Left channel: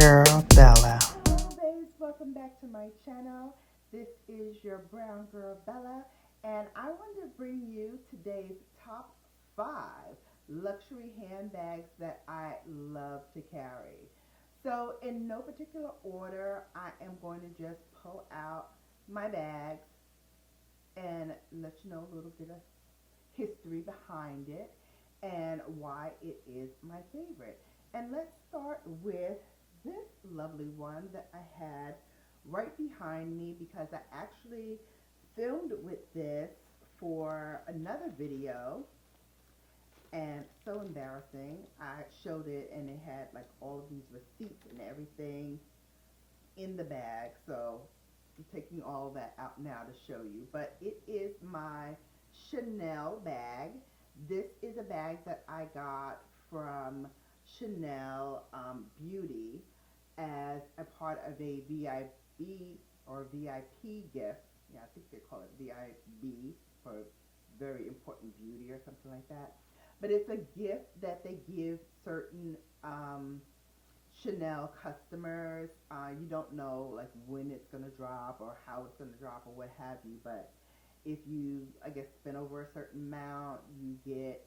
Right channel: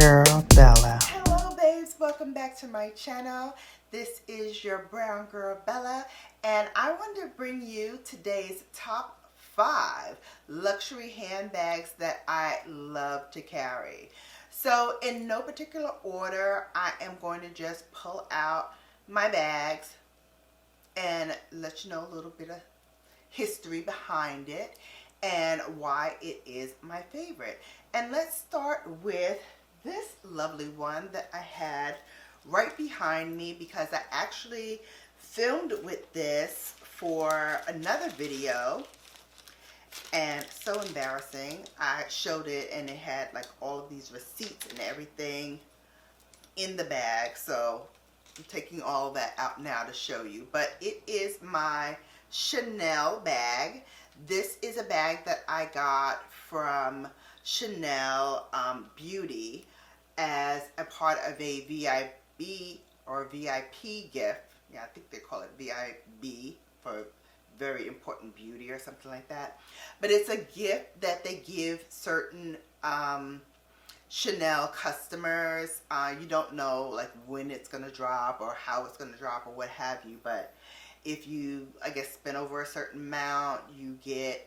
Girl Bella. Hello babes, welcome back to my channel. This is your brown girl Bella, and I want to bring you today's top 5 luxury handbags that I love to carry. So in no particular order, I am going to just pull out my bags and let you know a little bit of history behind it and why it is my favorite. And let's start with this lovely one that I had right behind me because I actually filmed with this for another video, and so embarrassing. I showed it and it had like all of these receipts and everything in the bag, so I'm taking all that out now to show you. But it is my Chanel bag. This is a bag that I got from Chanel Beauty as a part of a VIB or VIP gift. Yeah, I think they call it VIB for very important beauty or something like that. But it's a gift that they give certain Chanel customers. You don't know like when it's gonna drop or how it's gonna drop or what have you, but if you, I guess, spend over a certain amount, you get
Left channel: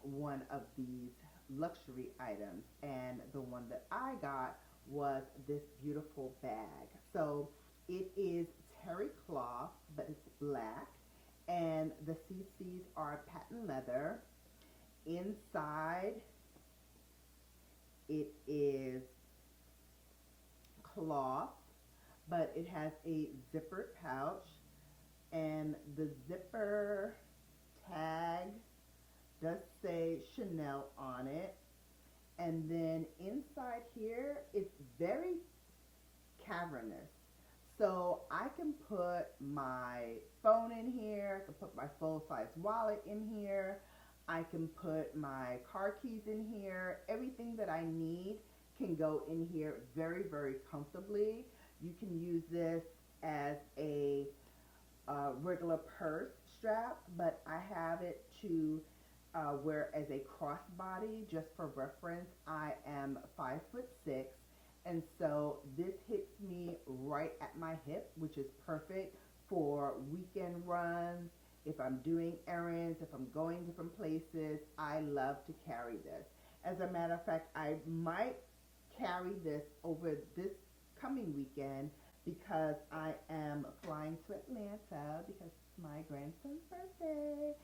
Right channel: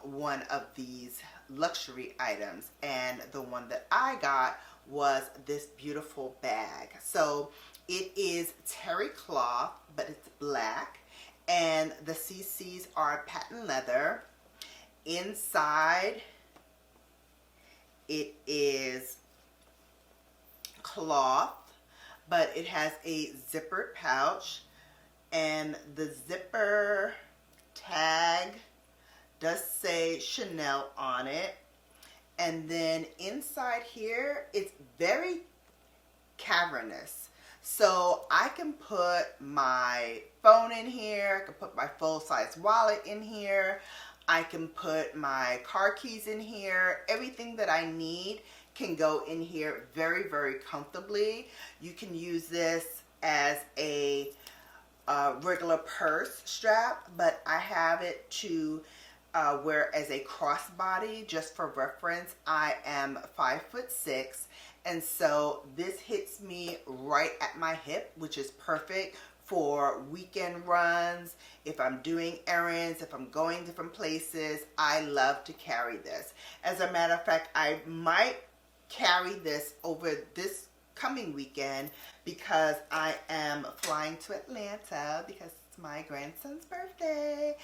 one of these luxury items. And the one that I got was this beautiful bag. So it is terry cloth, but it's black, and the CCs are patent leather. Inside it is cloth, but it has a zippered pouch, and the zipper tag does say Chanel on it. And then inside here, it's very cavernous. So I can put my phone in here, I can put my full-size wallet in here, I can put my car keys in here. Everything that I need can go in here very, very comfortably. You can use this as a regular purse strap, but I have it to wear as a crossbody. Just for reference, I am 5'6", and so this hits me right at my hip, which is perfect for weekend runs. If I'm doing errands, if I'm going different places, I love to carry this. As a matter of fact, I might carry this over this coming weekend because I am flying to Atlanta because it's my grandson's birthday.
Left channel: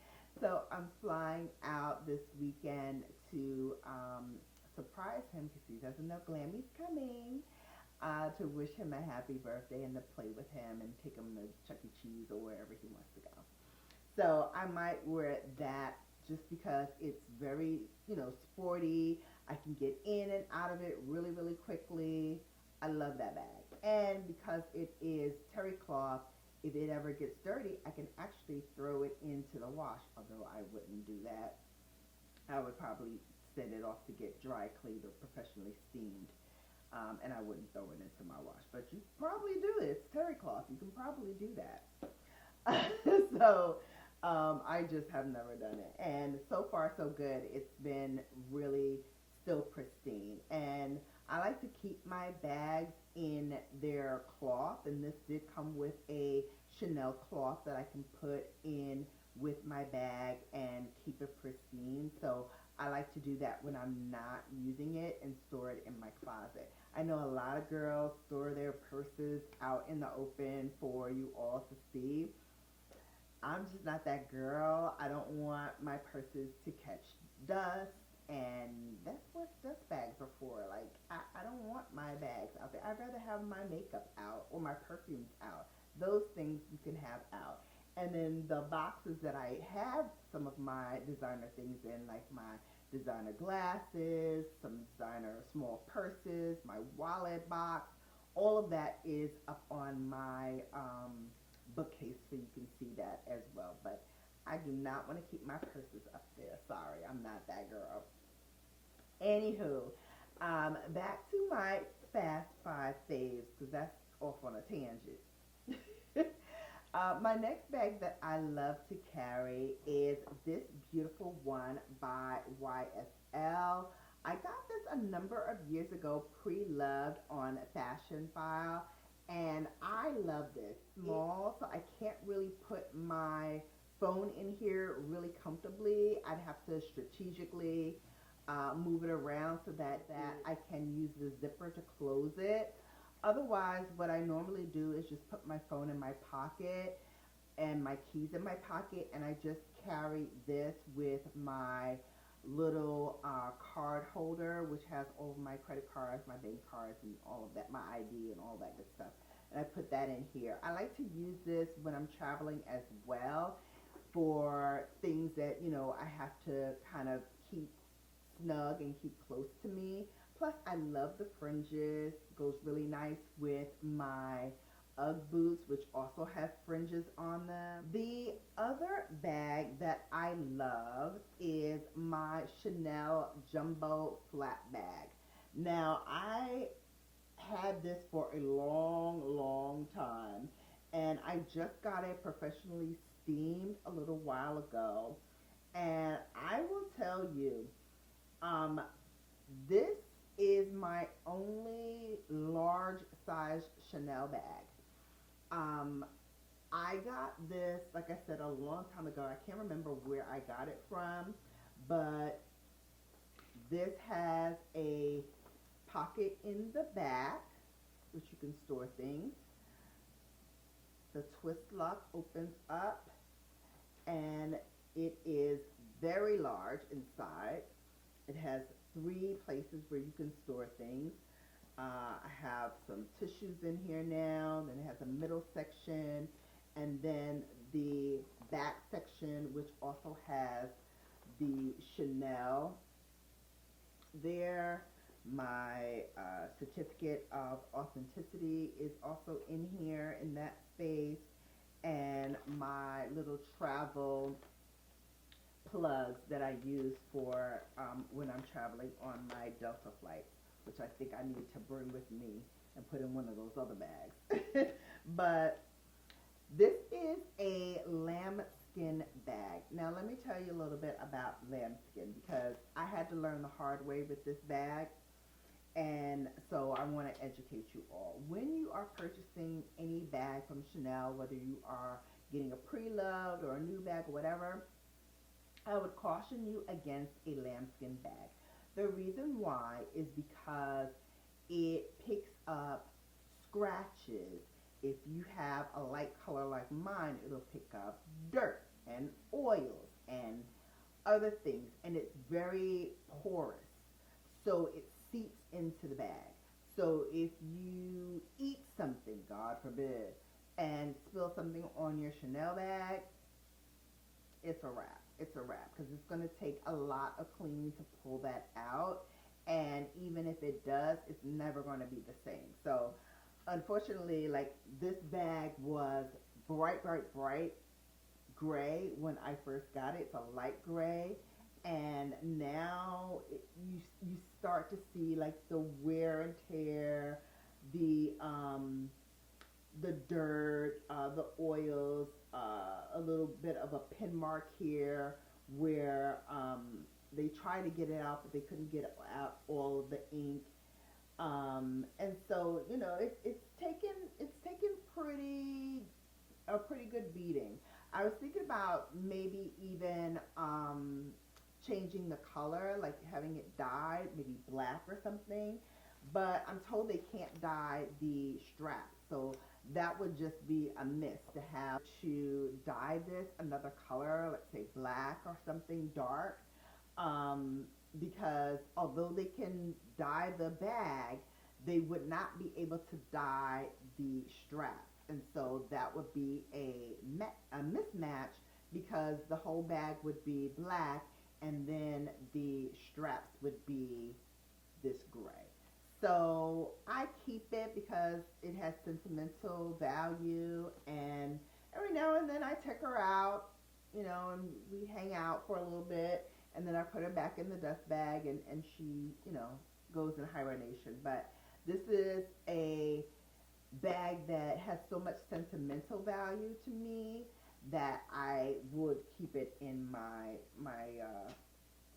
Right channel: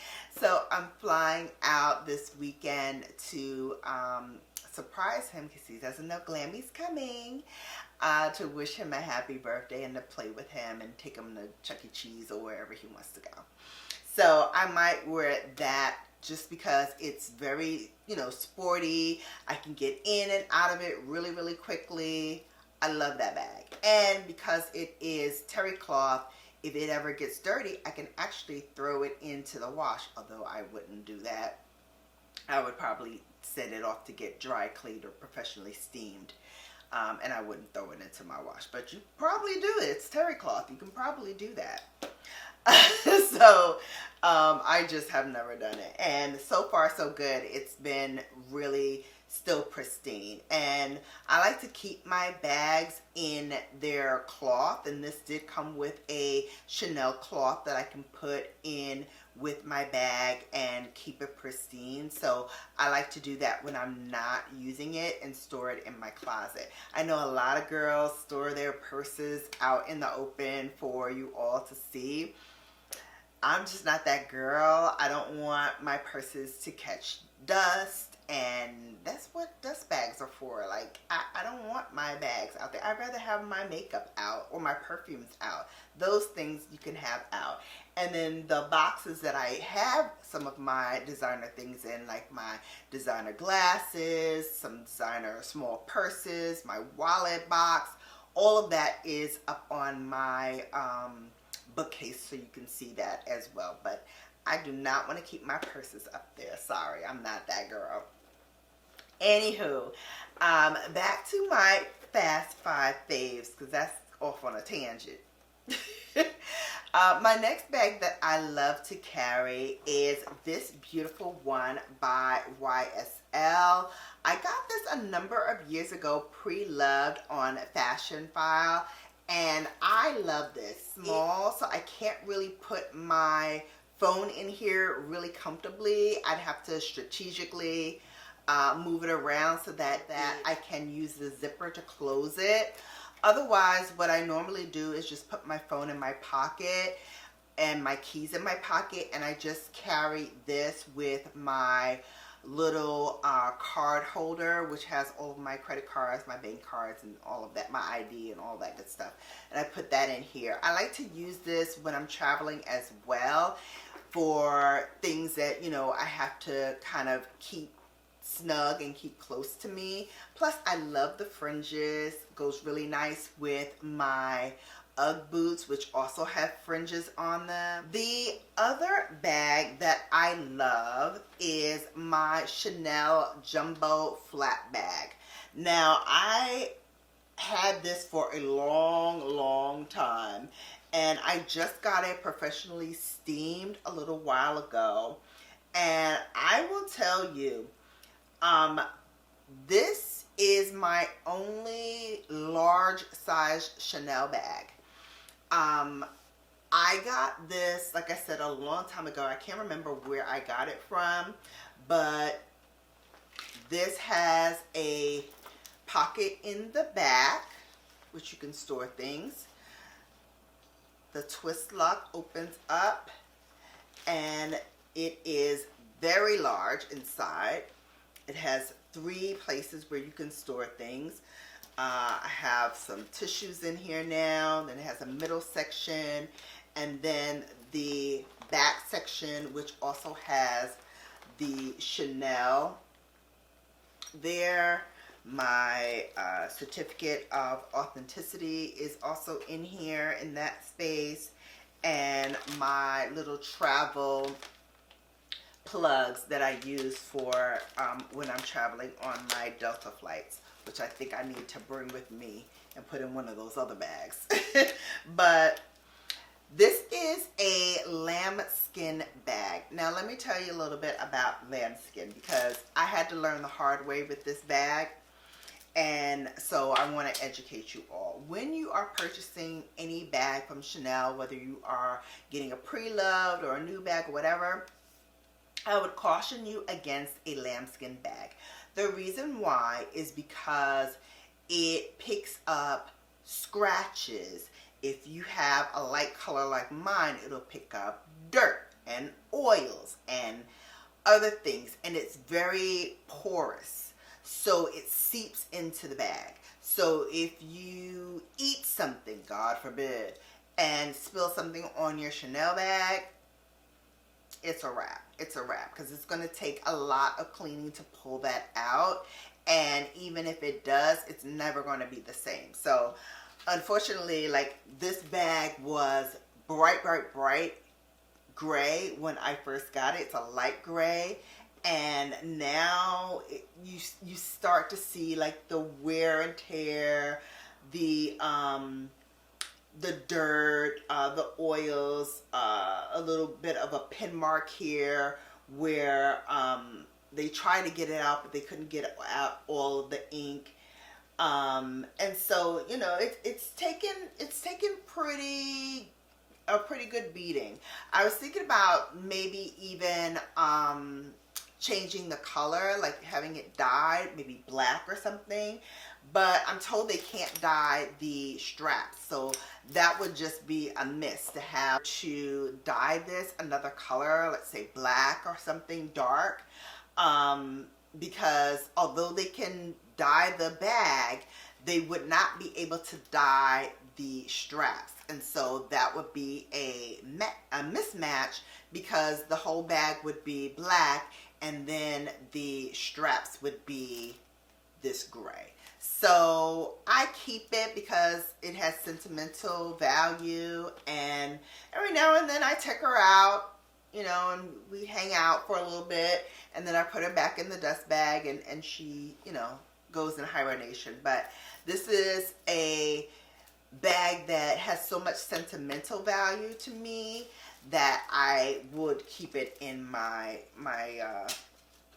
So I'm flying out this weekend to surprise him because he doesn't know Glammy's coming, to wish him a happy birthday and to play with him and take him to Chuck E. Cheese or wherever he wants to go. So I might wear that just because it's very, sporty. I can get in and out of it really, really quickly. I love that bag. And because it is terry cloth, if it ever gets dirty, I can actually throw it into the wash, although I wouldn't do that. I would probably send it off to get dry cleaned or professionally steamed. And I wouldn't throw it into my wash. But you probably do it. It's terry cloth. You can probably do that. So I just have never done it, and so far so good. It's been really still pristine, and I like to keep my bags in their cloth, and this did come with a Chanel cloth that I can put in with my bag and keep it pristine. So I like to do that when I'm not using it and store it in my closet. I know a lot of girls store their purses out in the open for you all to see. I'm just not that girl. I don't want my purses to catch dust, and that's what dust bags are for. Like, I don't want my bags out there. I'd rather have my makeup out or my perfumes out. Those things you can have out. And then the boxes that I have some of my designer things in, like my designer glasses, some designer small purses, my wallet box, all of that is up on my bookcase, so you can see that as well. But I do not want to keep my purses up there. Sorry, I'm not that girl. Anywho, back to my fast 5 faves, because that's off on a tangent. My next bag that I love to carry is this beautiful one by YSL. I got this a number of years ago, pre-loved on Fashion File, and I love this. Small, so I can't really put my phone in here really comfortably. I'd have to strategically move it around so that I can use the zipper to close it. Otherwise, what I normally do is just put my phone in my pocket and my keys in my pocket, and I just carry this with my little card holder, which has all of my credit cards, my bank cards, and all of that, my ID and all that good stuff. And I put that in here. I like to use this when I'm traveling as well for things that, you know, I have to kind of keep snug and keep close to me. Plus, I love the fringes. Goes really nice with my Ugg boots, which also have fringes on them. The other bag that I love is my Chanel Jumbo Flat Bag. Now, I had this for a long time, and I just got it professionally steamed a little while ago, and I will tell you, this is my only large size Chanel bag. I got this, like I said, a long time ago. I can't remember where I got it from, but this has a pocket in the back, which you can store things. The twist lock opens up, and it is very large inside. It has 3 places where you can store things. I have some tissues in here now. Then it has a middle section, and then the back section, which also has the Chanel there. My certificate of authenticity is also in here in that space, and my little travel plugs that I use for when I'm traveling on my Delta flights, which I think I need to bring with me and put in one of those other bags. But this is a lambskin bag. Now let me tell you a little bit about lambskin, because I had to learn the hard way with this bag, and so I want to educate you all. When you are purchasing any bag from Chanel, whether you are getting a pre-loved or a new bag or whatever, I would caution you against a lambskin bag. The reason why is because it picks up scratches. If you have a light color like mine, it'll pick up dirt and oils and other things, and it's very porous, so it seeps into the bag. So if you eat something, God forbid, and spill something on your Chanel bag, it's a wrap. It's a wrap, because it's going to take a lot of cleaning to pull that out, and even if it does, it's never going to be the same. So unfortunately, like, this bag was bright gray when I first got it. It's a light gray, and now you start to see like the wear and tear, the dirt, the oils, a little bit of a pin mark here where they tried to get it out, but they couldn't get out all of the ink. And so, you know, it's taken a pretty good beating. I was thinking about maybe even changing the color, like having it dyed, maybe black or something. But I'm told they can't dye the straps, so that would just be a miss to have to dye this another color, let's say black or something dark, because although they can dye the bag, they would not be able to dye the straps, and so that would be a mismatch, because the whole bag would be black and then the straps would be this gray. So I keep it because it has sentimental value, and every now and then I take her out, you know, and we hang out for a little bit, and then I put her back in the dust bag, and she, you know, goes in hibernation. But this is a bag that has so much sentimental value to me that I would keep it in my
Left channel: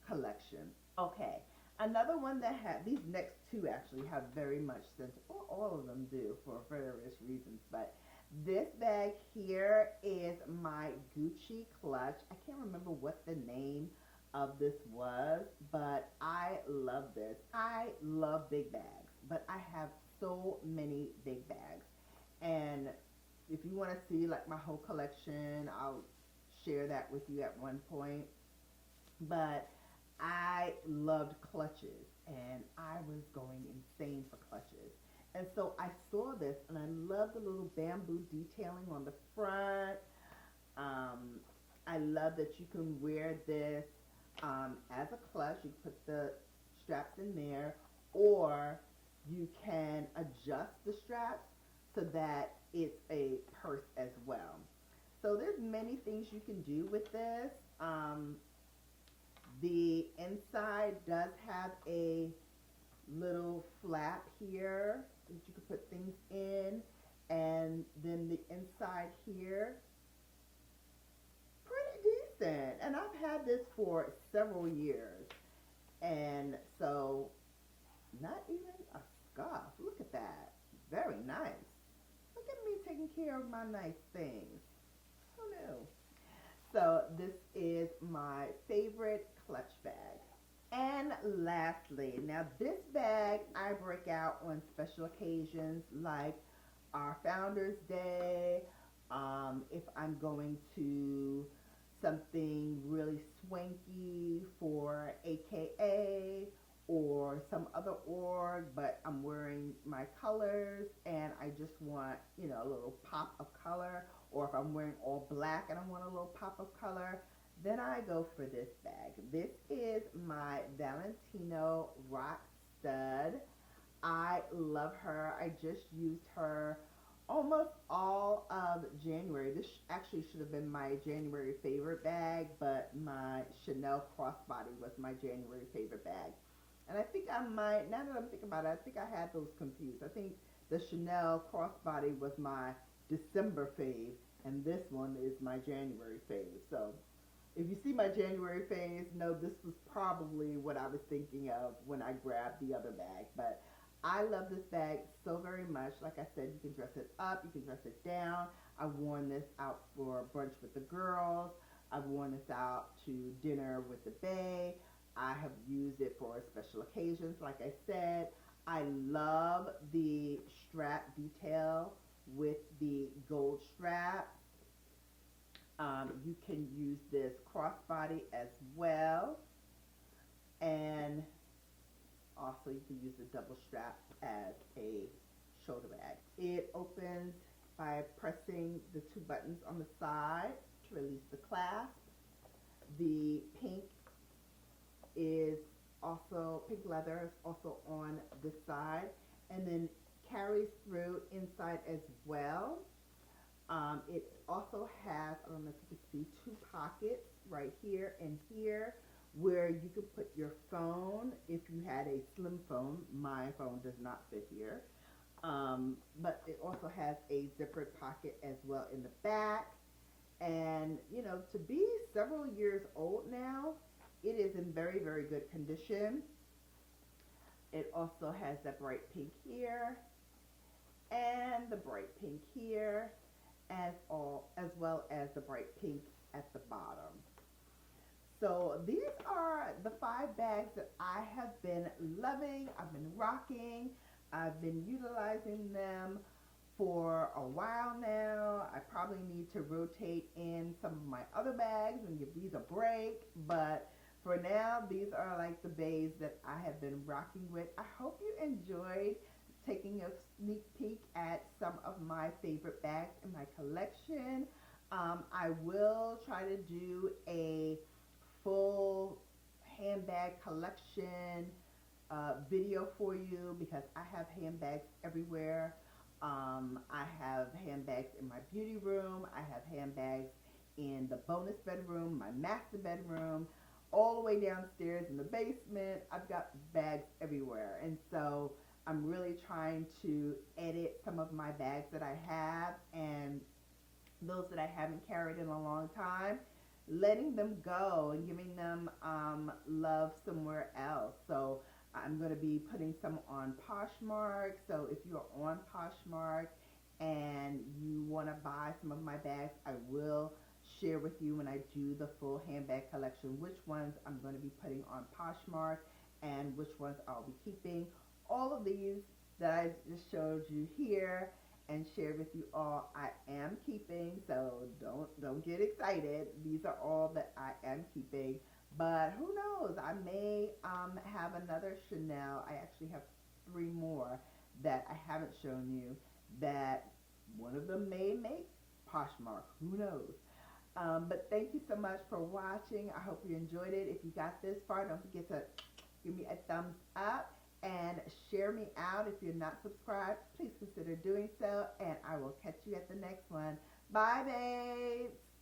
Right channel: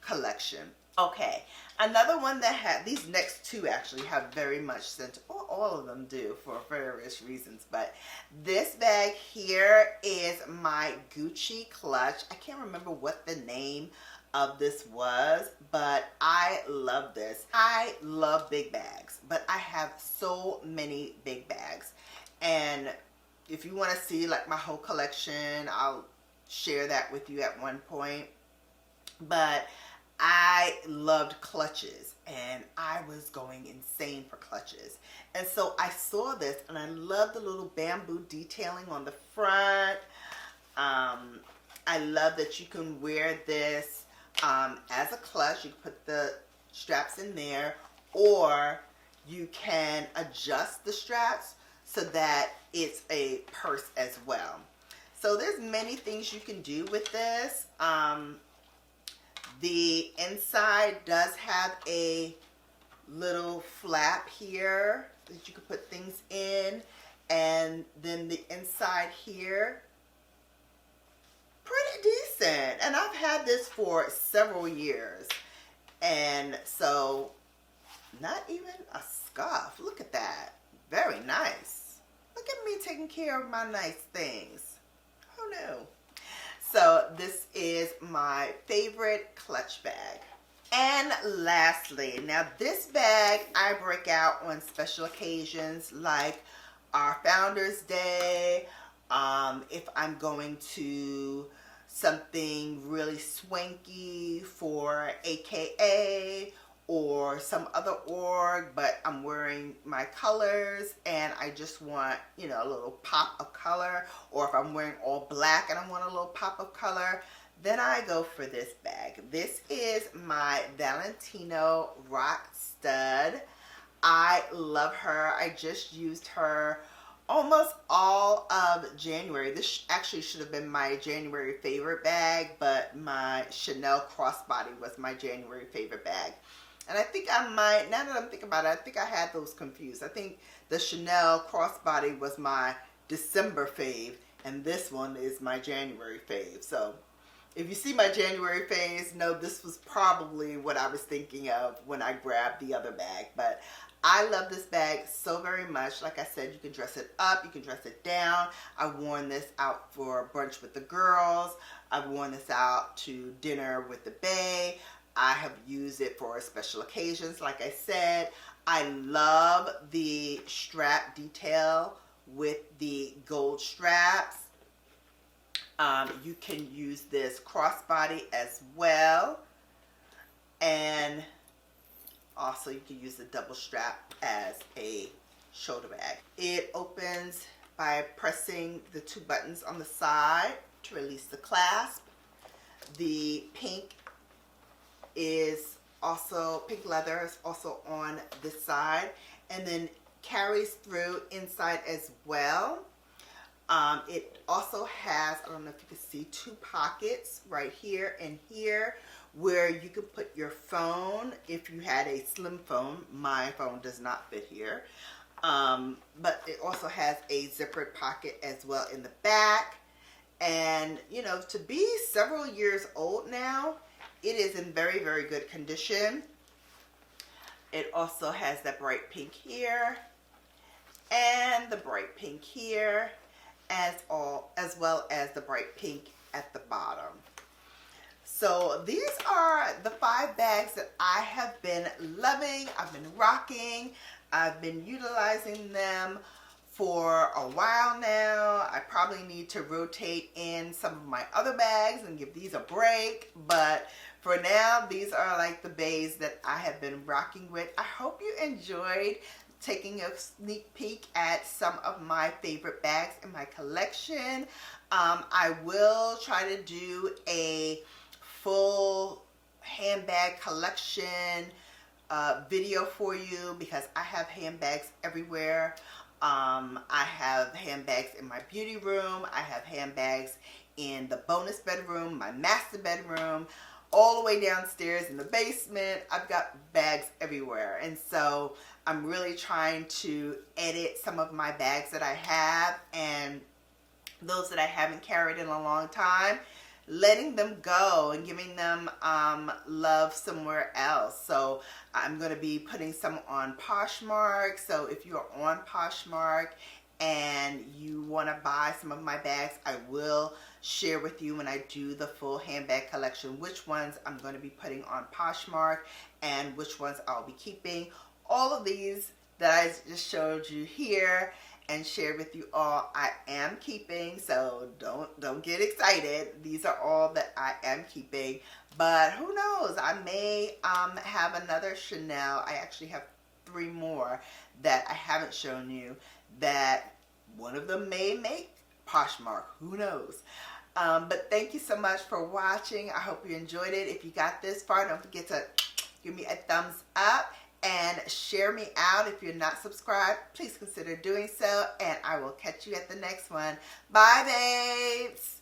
collection. Okay, Another one that had, these next two actually have very much scent. All of them do for various reasons, but this bag here is my Gucci clutch. I can't remember what the name of this was, but I love this. I love big bags, but I have so many big bags. And if you want to see like my whole collection, I'll share that with you at one point. But I loved clutches, and I was going insane for clutches. And so I saw this, and I love the little bamboo detailing on the front. I love that you can wear this as a clutch. You can put the straps in there, or you can adjust the straps so that it's a purse as well. So there's many things you can do with this. The inside does have a little flap here that you can put things in, and then the inside here, pretty decent. And I've had this for several years, and so not even a scuff. Look at that. Very nice. Look at me taking care of my nice things. Oh no. So this is my favorite clutch bag. And lastly, now this bag I break out on special occasions like our Founders Day, if I'm going to something really swanky for AKA or some other org, but I'm wearing my colors and I just want, you know, a little pop of color, or if I'm wearing all black and I want a little pop of color, then I go for this bag. This is my Valentino Rock Stud. I love her. I just used her almost all of January. This actually should have been my January favorite bag, but my Chanel crossbody was my January favorite bag. And I think I might, now that I'm thinking about it, I think I had those confused. I think the Chanel crossbody was my December fave, and this one is my January fave. So if you see my January faves, know this was probably what I was thinking of when I grabbed the other bag. But I love this bag so very much. Like I said, you can dress it up, you can dress it down. I've worn this out for brunch with the girls. I've worn this out to dinner with the bae. I have used it for special occasions, like I said. I love the strap detail with the gold straps. You can use this crossbody as well. And also you can use the double strap as a shoulder bag. It opens by pressing the two buttons on the side to release the clasp. The pink leather is also on this side, and then carries through inside as well. It also has, I don't know if you can see, two pockets right here and here where you can put your phone if you had a slim phone. My phone does not fit here. But it also has a zippered pocket as well in the back. And, you know, to be several years old now, it is in very, very good condition. It also has that bright pink here and the bright pink here, as well as the bright pink at the bottom. So these are the 5 bags that I have been loving. I've been rocking. I've been utilizing them for a while now. I probably need to rotate in some of my other bags and give these a break, but for now, these are like the bays that I have been rocking with. I hope you enjoyed taking a sneak peek at some of my favorite bags in my collection. I will try to do a full handbag collection video for you, because I have handbags everywhere. I have handbags in my beauty room. I have handbags in the bonus bedroom, my master bedroom, all the way downstairs in the basement. I've got bags everywhere. And so I'm really trying to edit some of my bags that I have, and those that I haven't carried in a long time, letting them go and giving them love somewhere else. So I'm going to be putting some on Poshmark. So if you're on Poshmark and you want to buy some of my bags, I will share with you when I do the full handbag collection which ones I'm going to be putting on Poshmark and which ones I'll be keeping. All of these that I just showed you here and shared with you all, I am keeping, so don't get excited. These are all that I am keeping, but who knows, I may have another Chanel. I actually have 3 more that I haven't shown you, that one of them may make Poshmark, who knows. But thank you so much for watching. I hope you enjoyed it. If you got this far, don't forget to give me a thumbs up and share me out. If you're not subscribed, please consider doing so, and I will catch you at the next one. Bye, babes.